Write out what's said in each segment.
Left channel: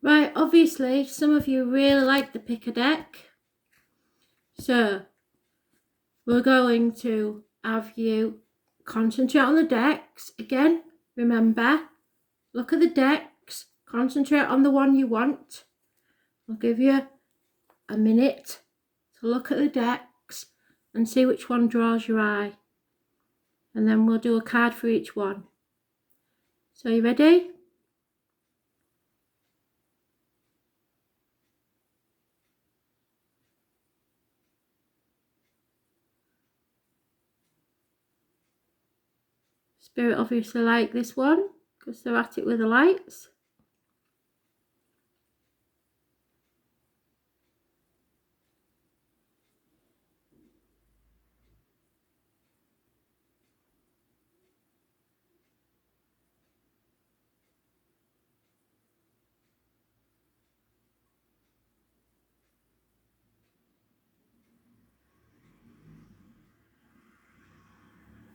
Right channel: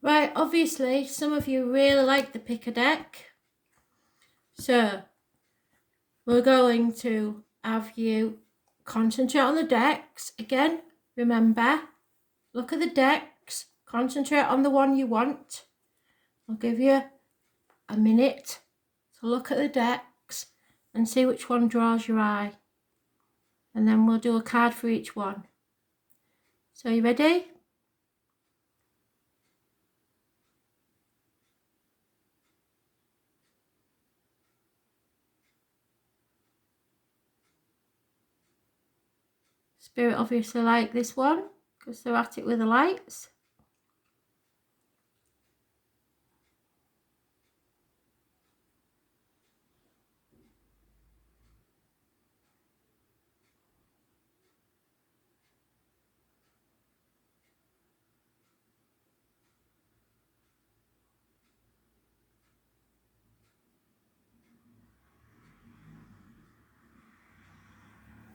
Right, obviously, some of you really like the pick a deck. So, we're going to have you concentrate on the decks. Again, remember, look at the decks, concentrate on the one you want. I'll give you a minute to look at the decks and see which one draws your eye. And then we'll do a card for each one. So, you ready? Spirit obviously like this one because they're at it with the lights.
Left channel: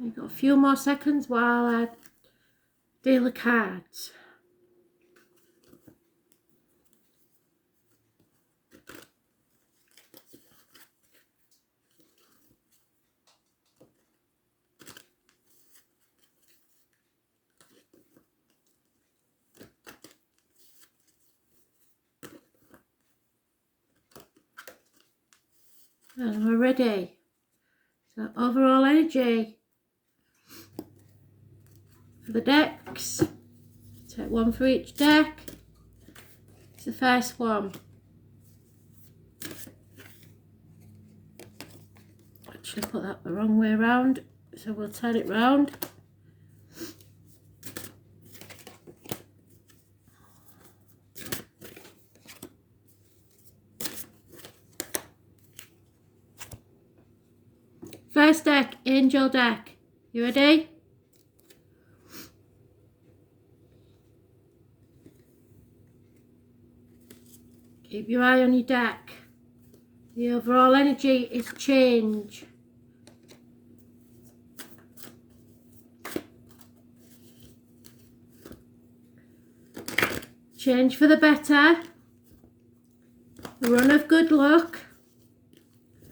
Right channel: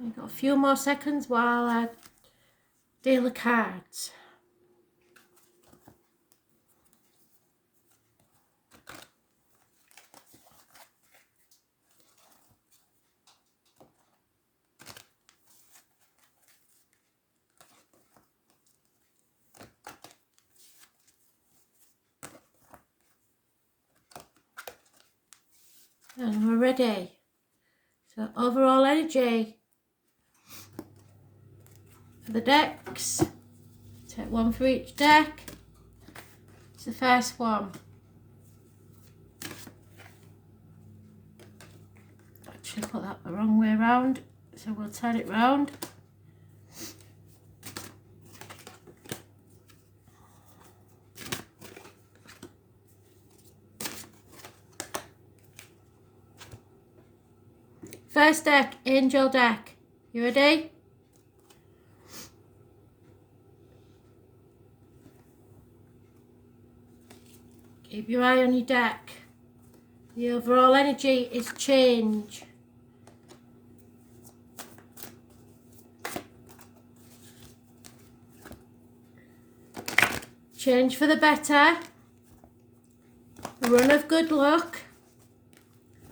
We've got a few more seconds while I deal the cards. And we're ready. So overall energy for the decks. Take one for each deck. It's the first one. Actually put that the wrong way around, so we'll turn it round. First deck, Angel deck. You ready? Keep your eye on your deck. The overall energy is change. Change for the better. A run of good luck.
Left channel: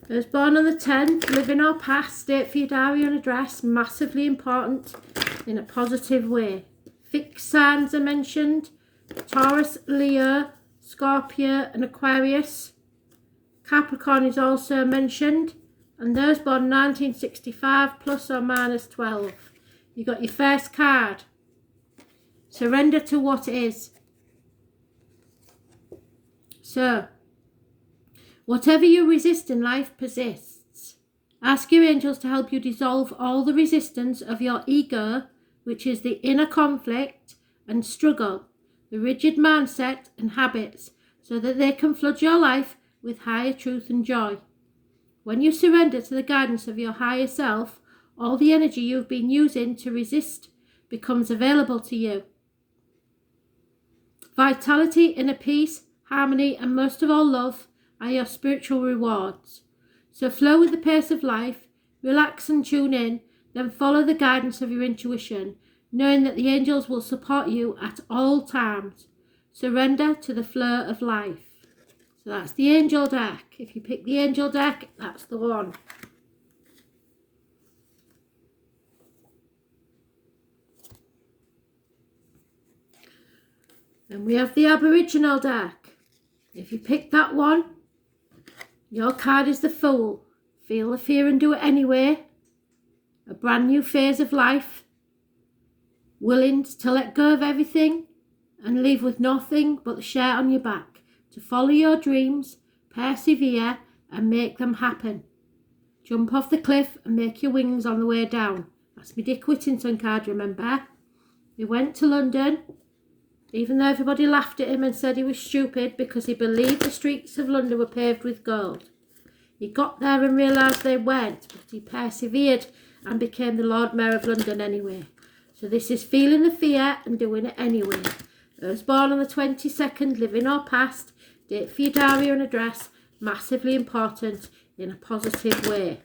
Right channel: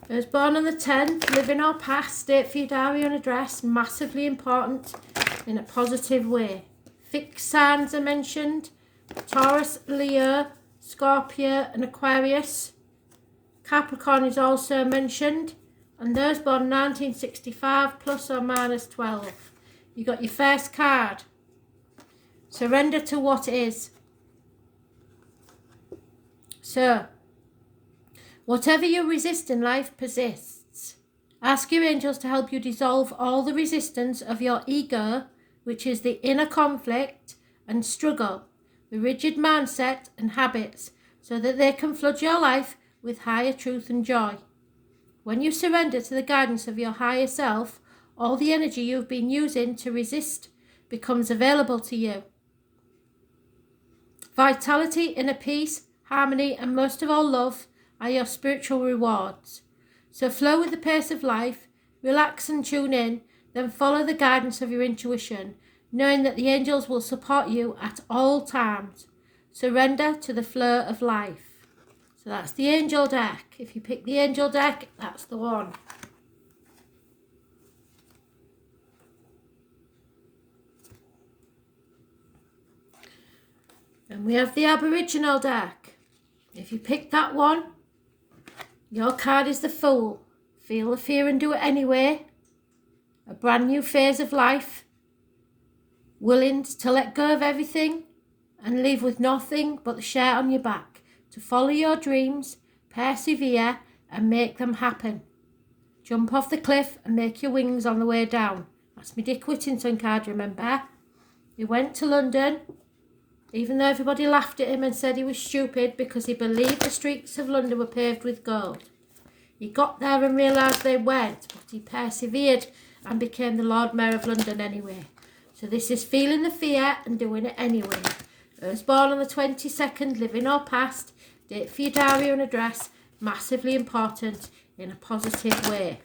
Those born on the 10th, living or past, date for your diary and address, massively important in a positive way. Fixed signs are mentioned. Taurus, Leo, Scorpio and Aquarius. Capricorn is also mentioned. And those born 1965 plus or minus 12. You got your first card. Surrender to what is. So, whatever you resist in life persists. Ask your angels to help you dissolve all the resistance of your ego, which is the inner conflict and struggle, the rigid mindset and habits, so that they can flood your life with higher truth and joy. When you surrender to the guidance of your higher self, all the energy you've been using to resist becomes available to you. Vitality, inner peace, harmony, and most of all love are your spiritual rewards. So flow with the pace of life, relax and tune in, then follow the guidance of your intuition, knowing that the angels will support you at all times. Surrender to the flow of life. So that's the angel deck. If you pick the angel deck, that's the one. And we have the Aboriginal deck. If you pick that one, your card is the Fool. Feel the fear and do it anyway. A brand new phase of life. Willing to let go of everything and leave with nothing but the shirt on your back. To follow your dreams, persevere and make them happen. Jump off the cliff and make your wings on the way down. That's my Dick Whittington card, remember? He went to London, even though everybody laughed at him and said he was stupid because he believed the streets of London were paved with gold. He got there and realised they weren't, but he persevered and became the Lord Mayor of London anyway. So this is feeling the fear and doing it anyway. Those born on the 22nd, living or past, date for your diary and address, massively important in a positive way.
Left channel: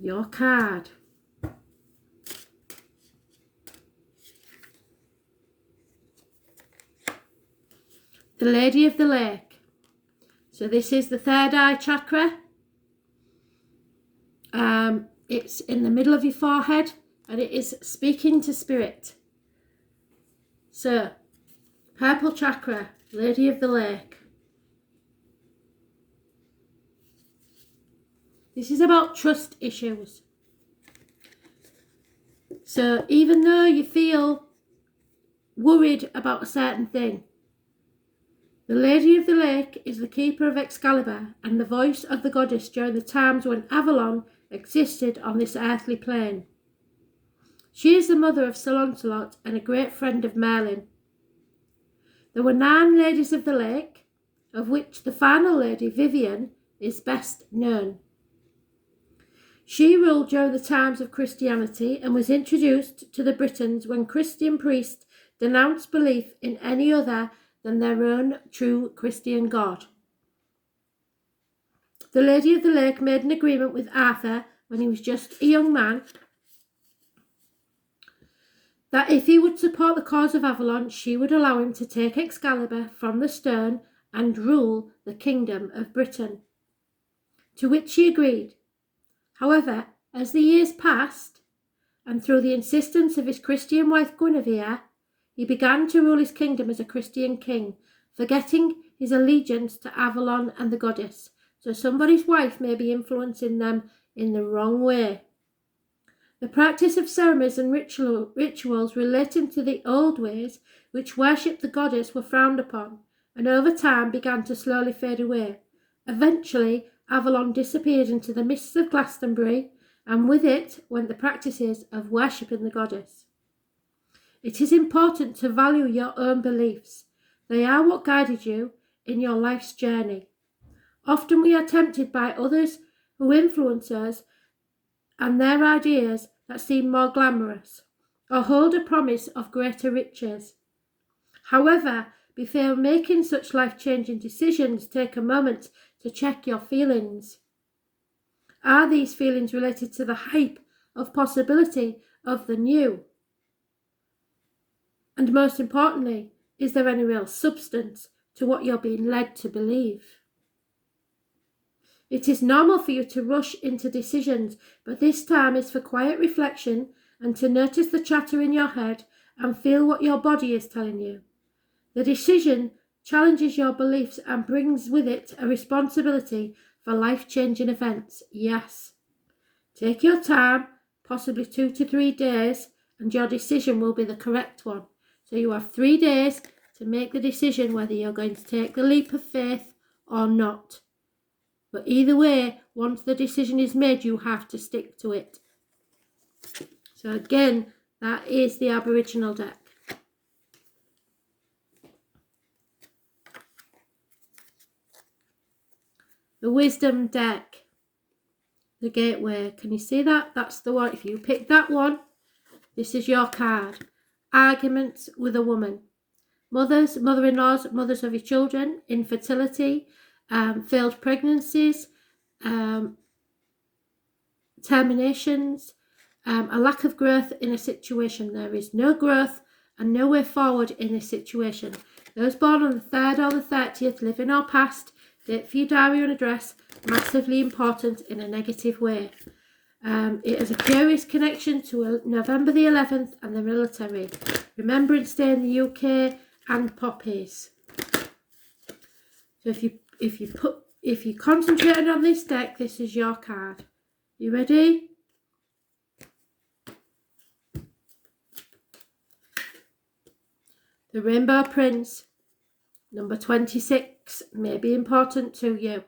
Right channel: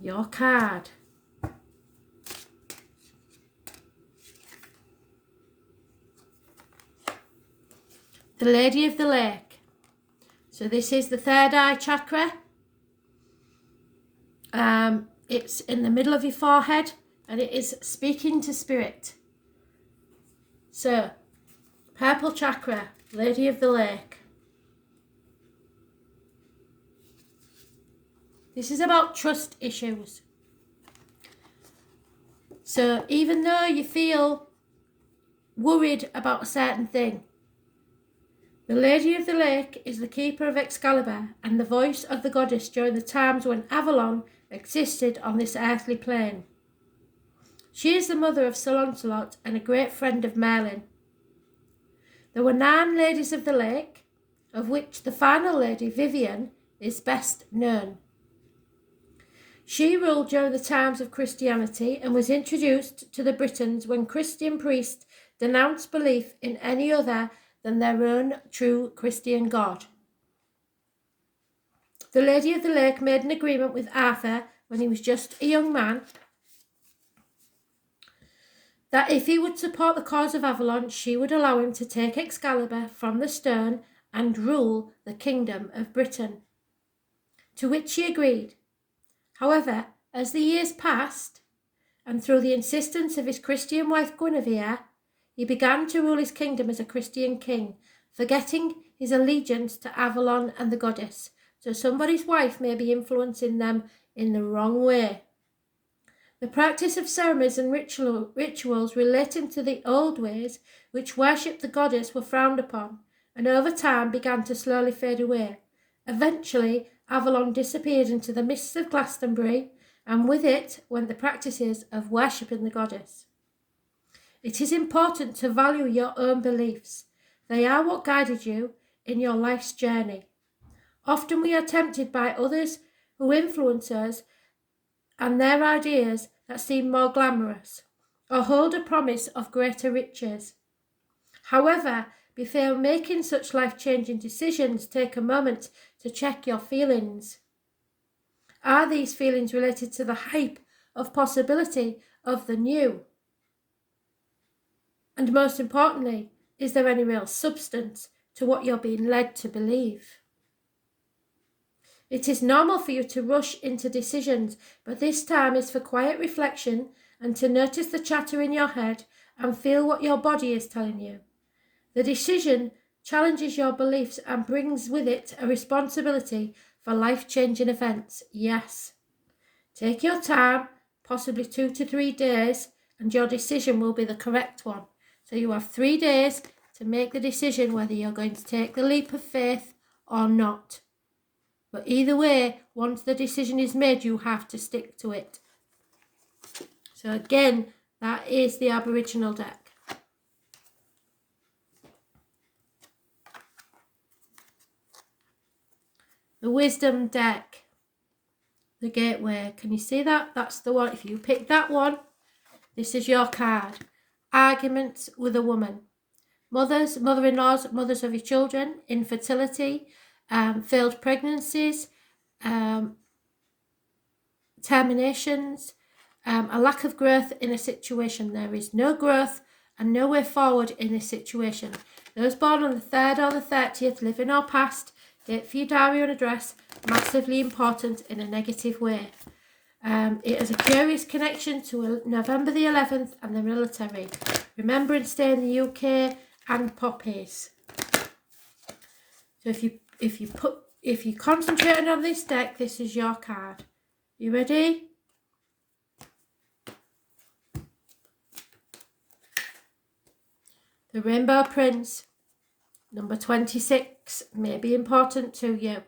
Your card. the Lady of the Lake. So this is the third eye chakra. It's in the middle of your forehead and it is speaking to spirit. So, purple chakra, Lady of the Lake. This is about trust issues. So even though you feel worried about a certain thing, the Lady of the Lake is the keeper of Excalibur and the voice of the goddess during the times when Avalon existed on this earthly plane. She is the mother of Sir Launcelot and a great friend of Merlin. There were 9 ladies of the lake, of which the final lady, Vivian, is best known. She ruled during the times of Christianity and was introduced to the Britons when Christian priests denounced belief in any other than their own true Christian God. The Lady of the Lake made an agreement with Arthur when he was just a young man that if he would support the cause of Avalon, she would allow him to take Excalibur from the stone and rule the kingdom of Britain. To which he agreed. However, as the years passed, and through the insistence of his Christian wife Guinevere, he began to rule his kingdom as a Christian king, forgetting his allegiance to Avalon and the goddess, so somebody's wife may be influencing them in the wrong way. The practice of ceremonies and rituals relating to the old ways which worshipped the goddess were frowned upon, and over time began to slowly fade away. Eventually, Avalon disappeared into the mists of Glastonbury, and with it went the practices of worshipping the goddess. It is important to value your own beliefs. They are what guided you in your life's journey. Often we are tempted by others who influence us and their ideas that seem more glamorous or hold a promise of greater riches. However, before making such life-changing decisions, take a moment to check your feelings. Are these feelings related to the hype of possibility of the new? And most importantly, is there any real substance to what you're being led to believe? It is normal for you to rush into decisions, but this time is for quiet reflection and to notice the chatter in your head and feel what your body is telling you. The decision challenges your beliefs and brings with it a responsibility for life-changing events. Yes. Take your time, possibly 2 to 3 days, and your decision will be the correct one. So you have 3 days to make the decision whether you're going to take the leap of faith or not. But either way, once the decision is made, you have to stick to it. So again, that is the Aboriginal deck. The Wisdom deck, the Gateway. Can you see that? That's the one. If you pick that one, this is your card. Arguments with a woman. Mothers, mother-in-laws, mothers of your children, infertility, failed pregnancies, terminations, a lack of growth in a situation. There is no growth and no way forward in this situation. Those born on the 3rd or the 30th, living or past, date for your diary and address, massively important in a negative way. It has a curious connection to November the 11th and the military. Remembrance Day in the UK and poppies. So if you concentrate on this deck, this is your card. You ready? The Rainbow Prince, number 26, may be important to you.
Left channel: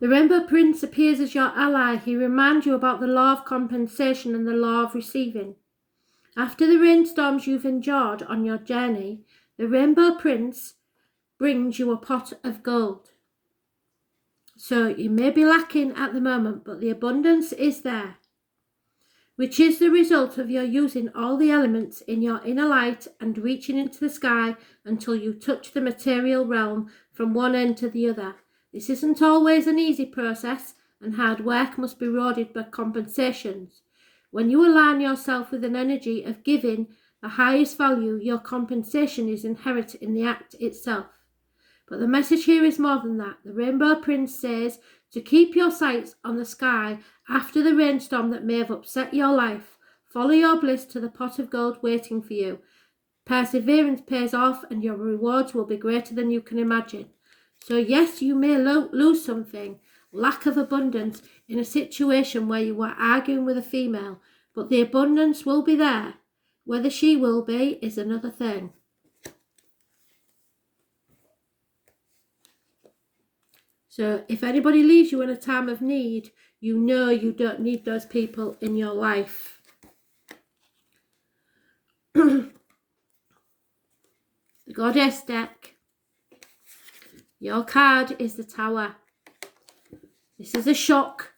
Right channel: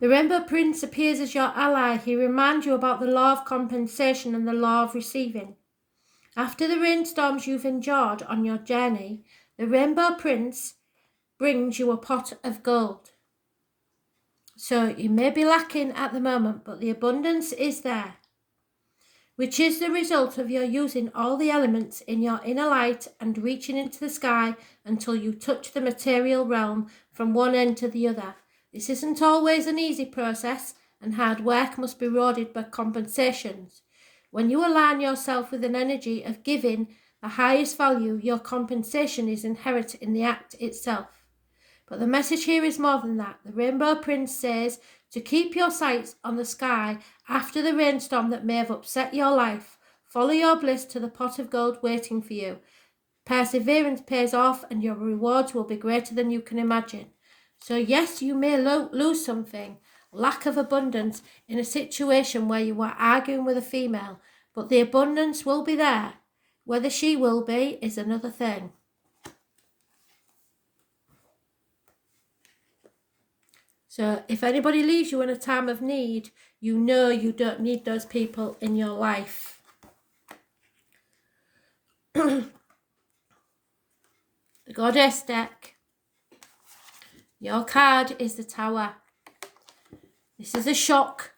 The Rainbow Prince appears as your ally. He reminds you about the law of compensation and the law of receiving. After the rainstorms you've endured on your journey, the Rainbow Prince brings you a pot of gold. So you may be lacking at the moment, but the abundance is there, which is the result of your using all the elements in your inner light and reaching into the sky until you touch the material realm from one end to the other. This isn't always an easy process, and hard work must be rewarded by compensations. When you align yourself with an energy of giving the highest value, your compensation is inherent in the act itself. But the message here is more than that. The Rainbow Prince says to keep your sights on the sky after the rainstorm that may have upset your life. Follow your bliss to the pot of gold waiting for you. Perseverance pays off, and your rewards will be greater than you can imagine. So yes, you may lose something, lack of abundance, in a situation where you are arguing with a female, but the abundance will be there. Whether she will be is another thing. So if anybody leaves you in a time of need, you know you don't need those people in your life. The Goddess deck. Your card is the Tower. This is a shock.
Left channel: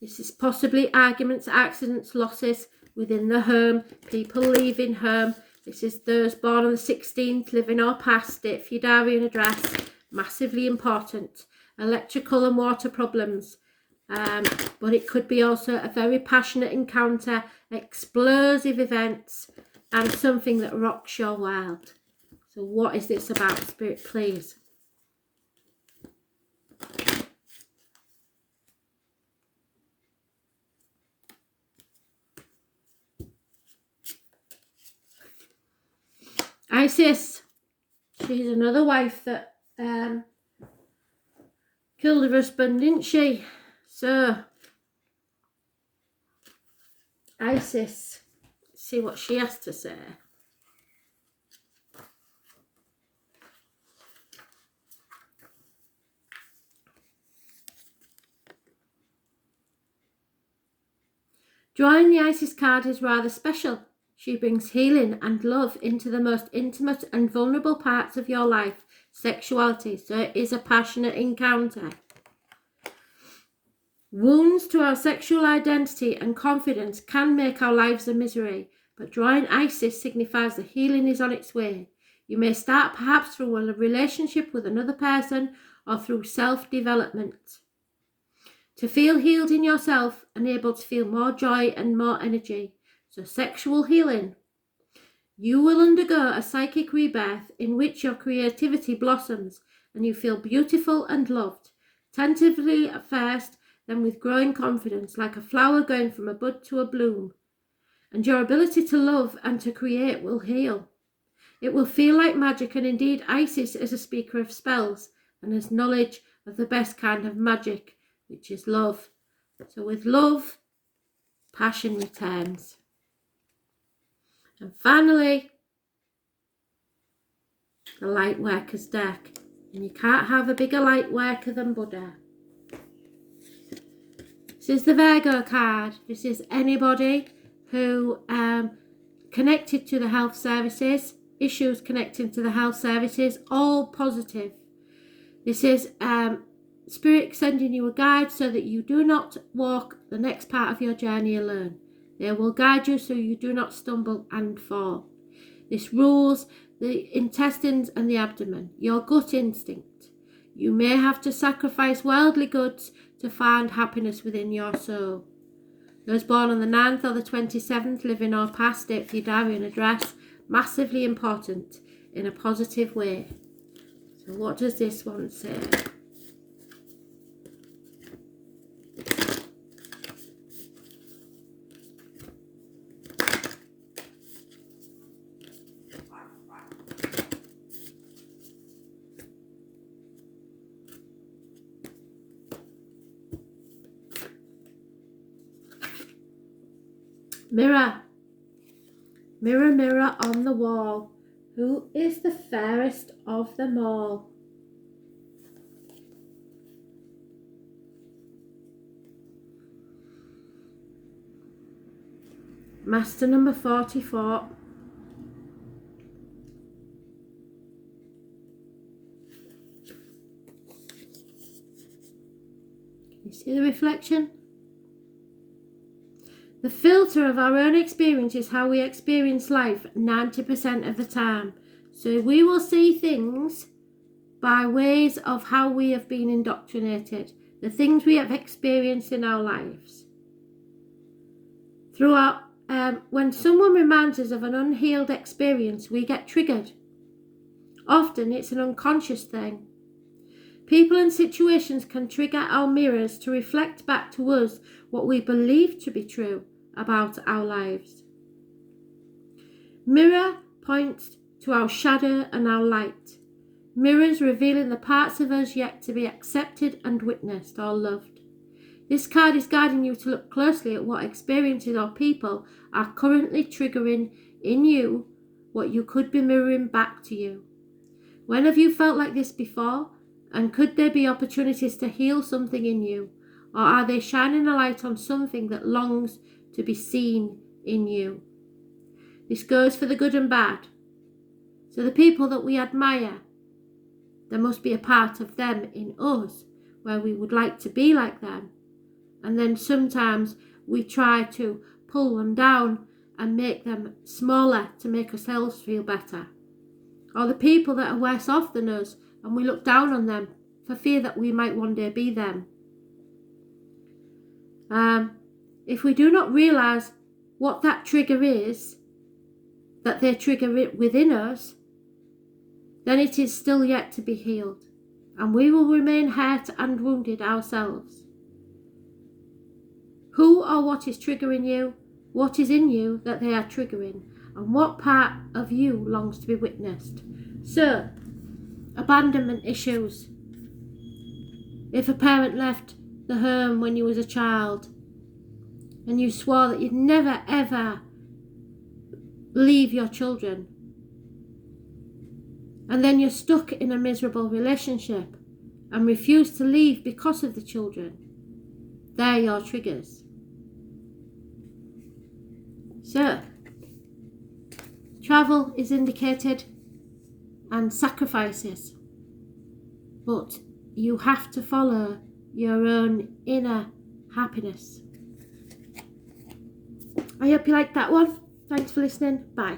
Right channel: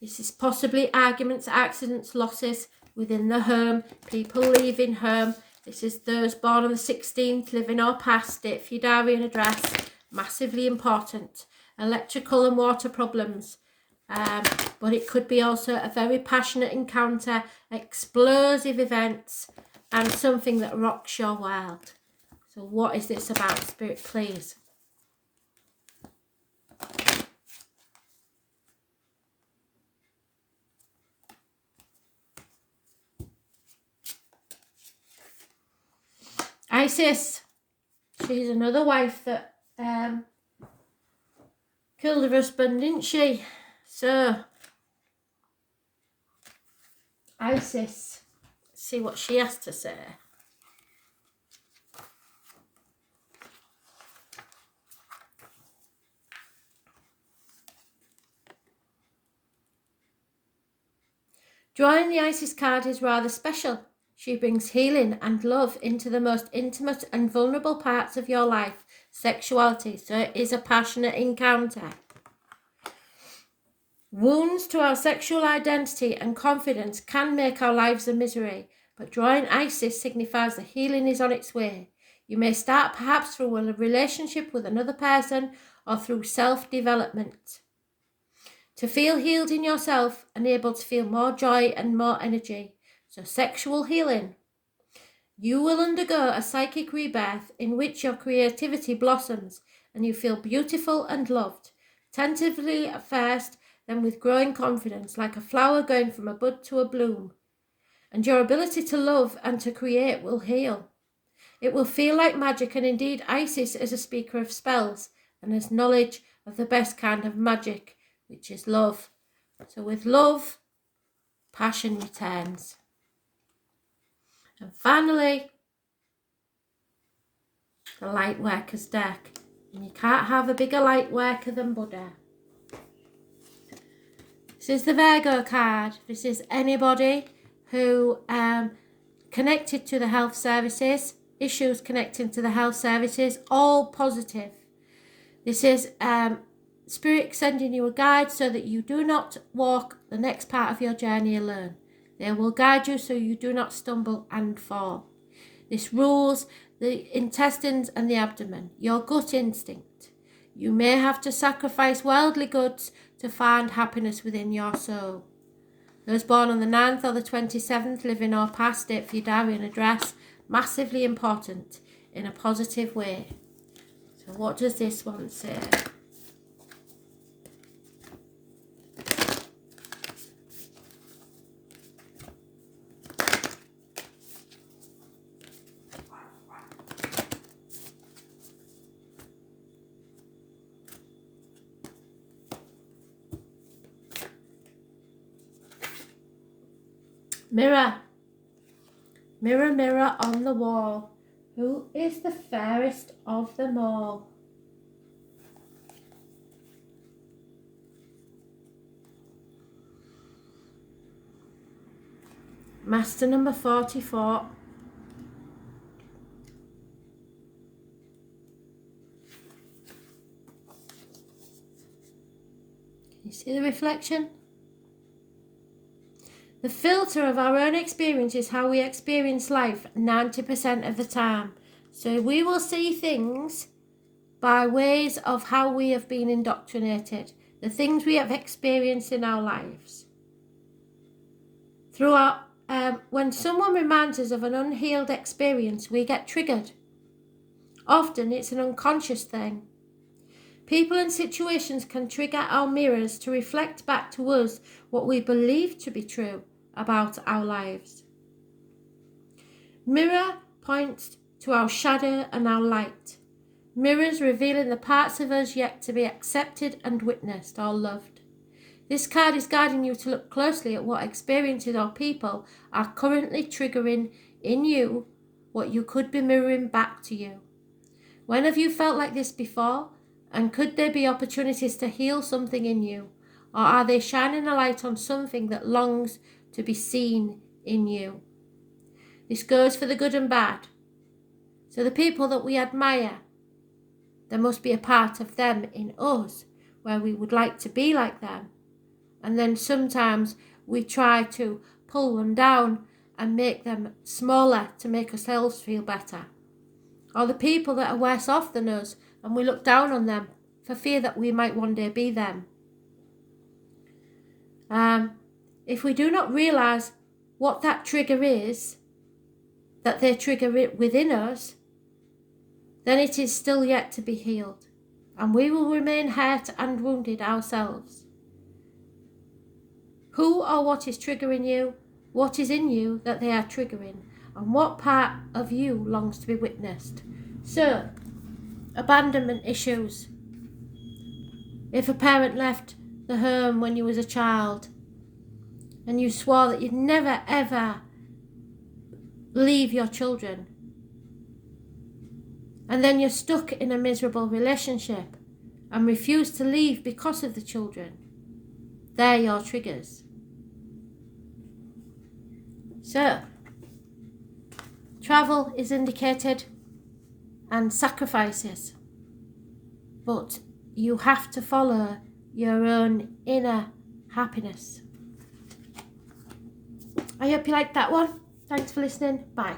This is possibly arguments, accidents, losses within the home, people leaving home. This is those born on the 16th, living or past, date for your diary and address. Massively important. Electrical and water problems. But it could be also a very passionate encounter, explosive events, and something that rocks your world. So what is this about, Spirit, please? Isis, she's another wife that killed her husband, didn't she? So, Isis, let's see what she has to say. Drawing the Isis card is rather special. She brings healing and love into the most intimate and vulnerable parts of your life, sexuality. So it is a passionate encounter. Wounds to our sexual identity and confidence can make our lives a misery, but drawing Isis signifies the healing is on its way. You may start perhaps through a relationship with another person or through self-development. To feel healed in yourself and able to feel more joy and more energy. So sexual healing. You will undergo a psychic rebirth in which your creativity blossoms and you feel beautiful and loved. Tentatively at first, then with growing confidence, like a flower going from a bud to a bloom. And your ability to love and to create will heal. It will feel like magic, and indeed Isis is a speaker of spells and has knowledge of the best kind of magic, which is love. So with love, passion returns. And finally, the light worker's deck. And you can't have a bigger light worker than Buddha. This is the Virgo card. This is anybody who connected to the health services, issues connecting to the health services, all positive. This is Spirit sending you a guide so that you do not walk the next part of your journey alone. They will guide you so you do not stumble and fall. This rules the intestines and the abdomen, your gut instinct. You may have to sacrifice worldly goods to find happiness within your soul. Those born on the 9th or the 27th, living or past, date for your diary and address, massively important in a positive way. So what does this one say? Mirror. Mirror, mirror on the wall, who is the fairest of them all? Master number 44. You see the reflection? The filter of our own experience is how we experience life 90% of the time. So we will see things by ways of how we have been indoctrinated, the things we have experienced in our lives. When someone reminds us of an unhealed experience, we get triggered. Often it's an unconscious thing. People and situations can trigger our mirrors to reflect back to us what we believe to be true about our lives. Mirror points to our shadow and our light. Mirrors revealing the parts of us yet to be accepted and witnessed or loved. This card is guiding you to look closely at what experiences or people are currently triggering in you what you could be mirroring back to you. When have you felt like this before? And could there be opportunities to heal something in you? Or are they shining a light on something that longs to be seen in you? This goes for the good and bad. So the people that we admire, there must be a part of them in us where we would like to be like them. And then sometimes we try to pull them down and make them smaller to make ourselves feel better. Or the people that are worse off than us, and we look down on them for fear that we might one day be them. If we do not realise what that trigger is, that they trigger it within us, then it is still yet to be healed, and we will remain hurt and wounded ourselves. Who or what is triggering you? What is in you that they are triggering? And what part of you longs to be witnessed? So, abandonment issues. If a parent left the home when you was a child and you swore that you'd never ever leave your children, and then you're stuck in a miserable relationship and refuse to leave because of the children, they're your triggers. So, travel is indicated and sacrifices, but you have to follow your own inner happiness. I hope you liked that one. Thanks for listening. Bye.